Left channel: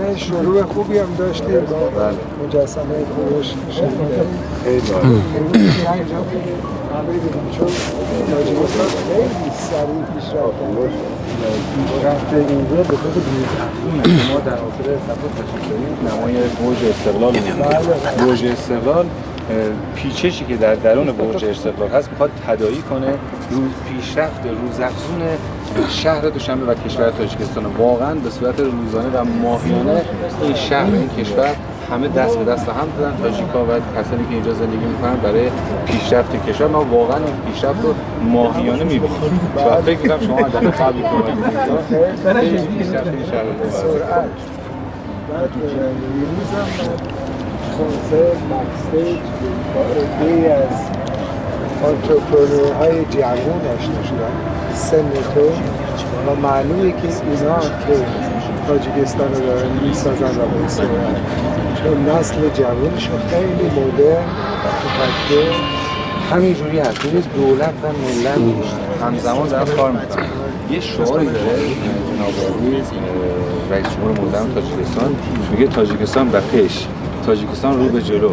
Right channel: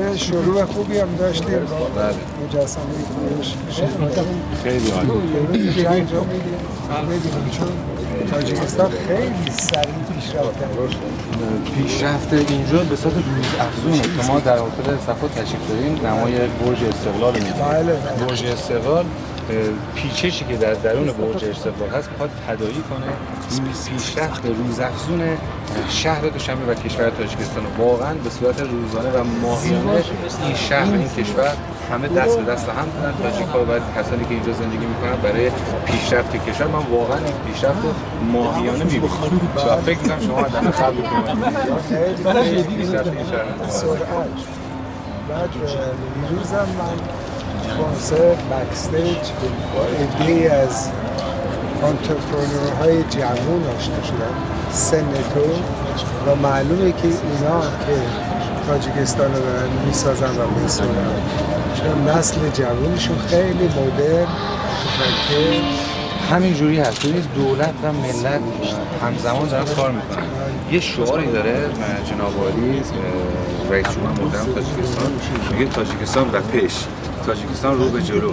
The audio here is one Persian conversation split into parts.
همیشه شروع خوبی هم داشتیم با مجسمه کوروش. خیلی عالی. اینجا ببینیم چون تاجیکستان خیلی سریع پیشرفت اینجا به صورت بی‌افزون شما در آخر صفحات تشریف دارین نمای برج استقلال می‌بینید. برج استقلال پیچشی که در درون برج استقلال هست میخواد تداعی کنه پیشرفت روزافزون شهر دوشنبه و کشور تاجیکستان. واقعا به صورت روزانه و ماهیانه این شهر این کشور همه دست به دست هم دادن، تاجیک‌ها و کسانی که اینجا زندگی می‌کنن برای پیشرفت کشور. ما واقعا این پیشرفت رو ماهیانه می‌بینیم. فکر می‌کنم شما در قبل برای پیشرفت این شهر کنسرت بکستیج با عده‌ای از آنترپرنورهای جوان آشنا شدن سن تو و معلومه که اینا که تاجیکستان رو دارن میسازن و بسازن چون نسل جوانشون خیلی مدرن همین جوری هست. دولت و ملت همزمان دارن کار میکنن. یه شعاری داره جناب عالی رئیس جمهور مقدم تاجیکستان، میگه تاجیکستان به پیش، تاجیکستان رو به جلو.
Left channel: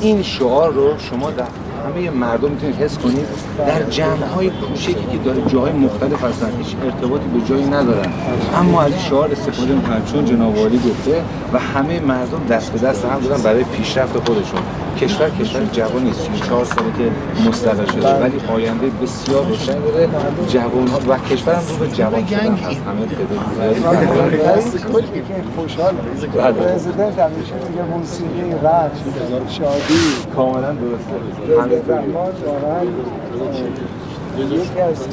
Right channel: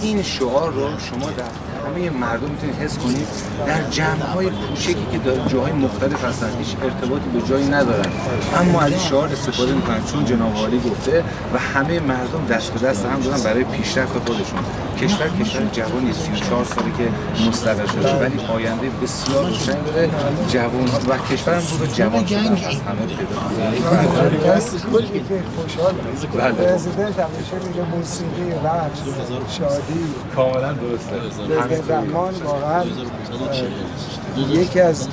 این شعار رو شما در همه مردم میتونید حس کنید در جمع‌های کوچکی که در جاهای مختلف هستن، هیچ ارتباطی به جایی ندارن، اما از این شعار استفاده میکنن چون جناب عالی گفته و همه مردم دست به دست هم دادن برای پیشرفت خودشون. کشور جوانی 34 ساله که مستقر شده ولی آینده بسیار روشن داره. جوان‌ها و کشورم رو به جوان شدن هست. همه تعداد زیادی فرزند هست. خوشحال. بله. پرزیدنت همیشه میگه موسیقی، رقص، شادی. کاملا درسته. زمان واقعا یکی از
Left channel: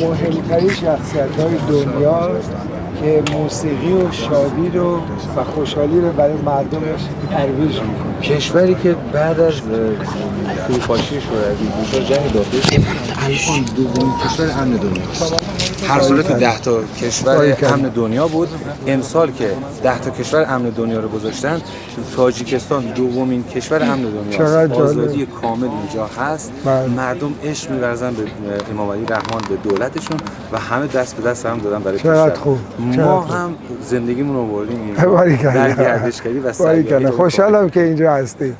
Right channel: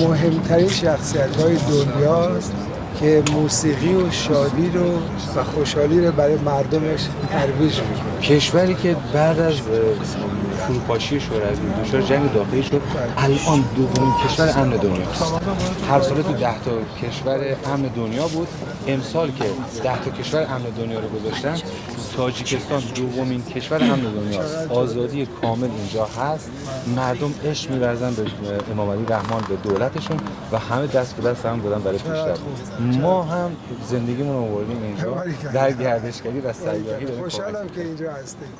مهمترین شخصیت‌های دنیاست که موسیقی و شادی رو و خوشحالی رو برای مردمش ترویج می‌کنه. کشوری که بعد از فروپاشی شوروی جنگ داخلی الان دومین کشور امن دنیاست. هر سال تو 10 تا کشور امن دنیا بود. امسال که 10 تا کشور امن دنیا رو گذاشتن، تاجیکستان دومین کشور امن دنیاست. آزادی کامل اینجا هست. مردم عشق می‌ورزن به امام علی رحمان، به دولتشون و همه دست به دست هم دادن برای پیشرفت. ما هم زندگیمون رو بردیم اینجا در گردشگری و سیاحت. خوشحالم که اینجا هستید.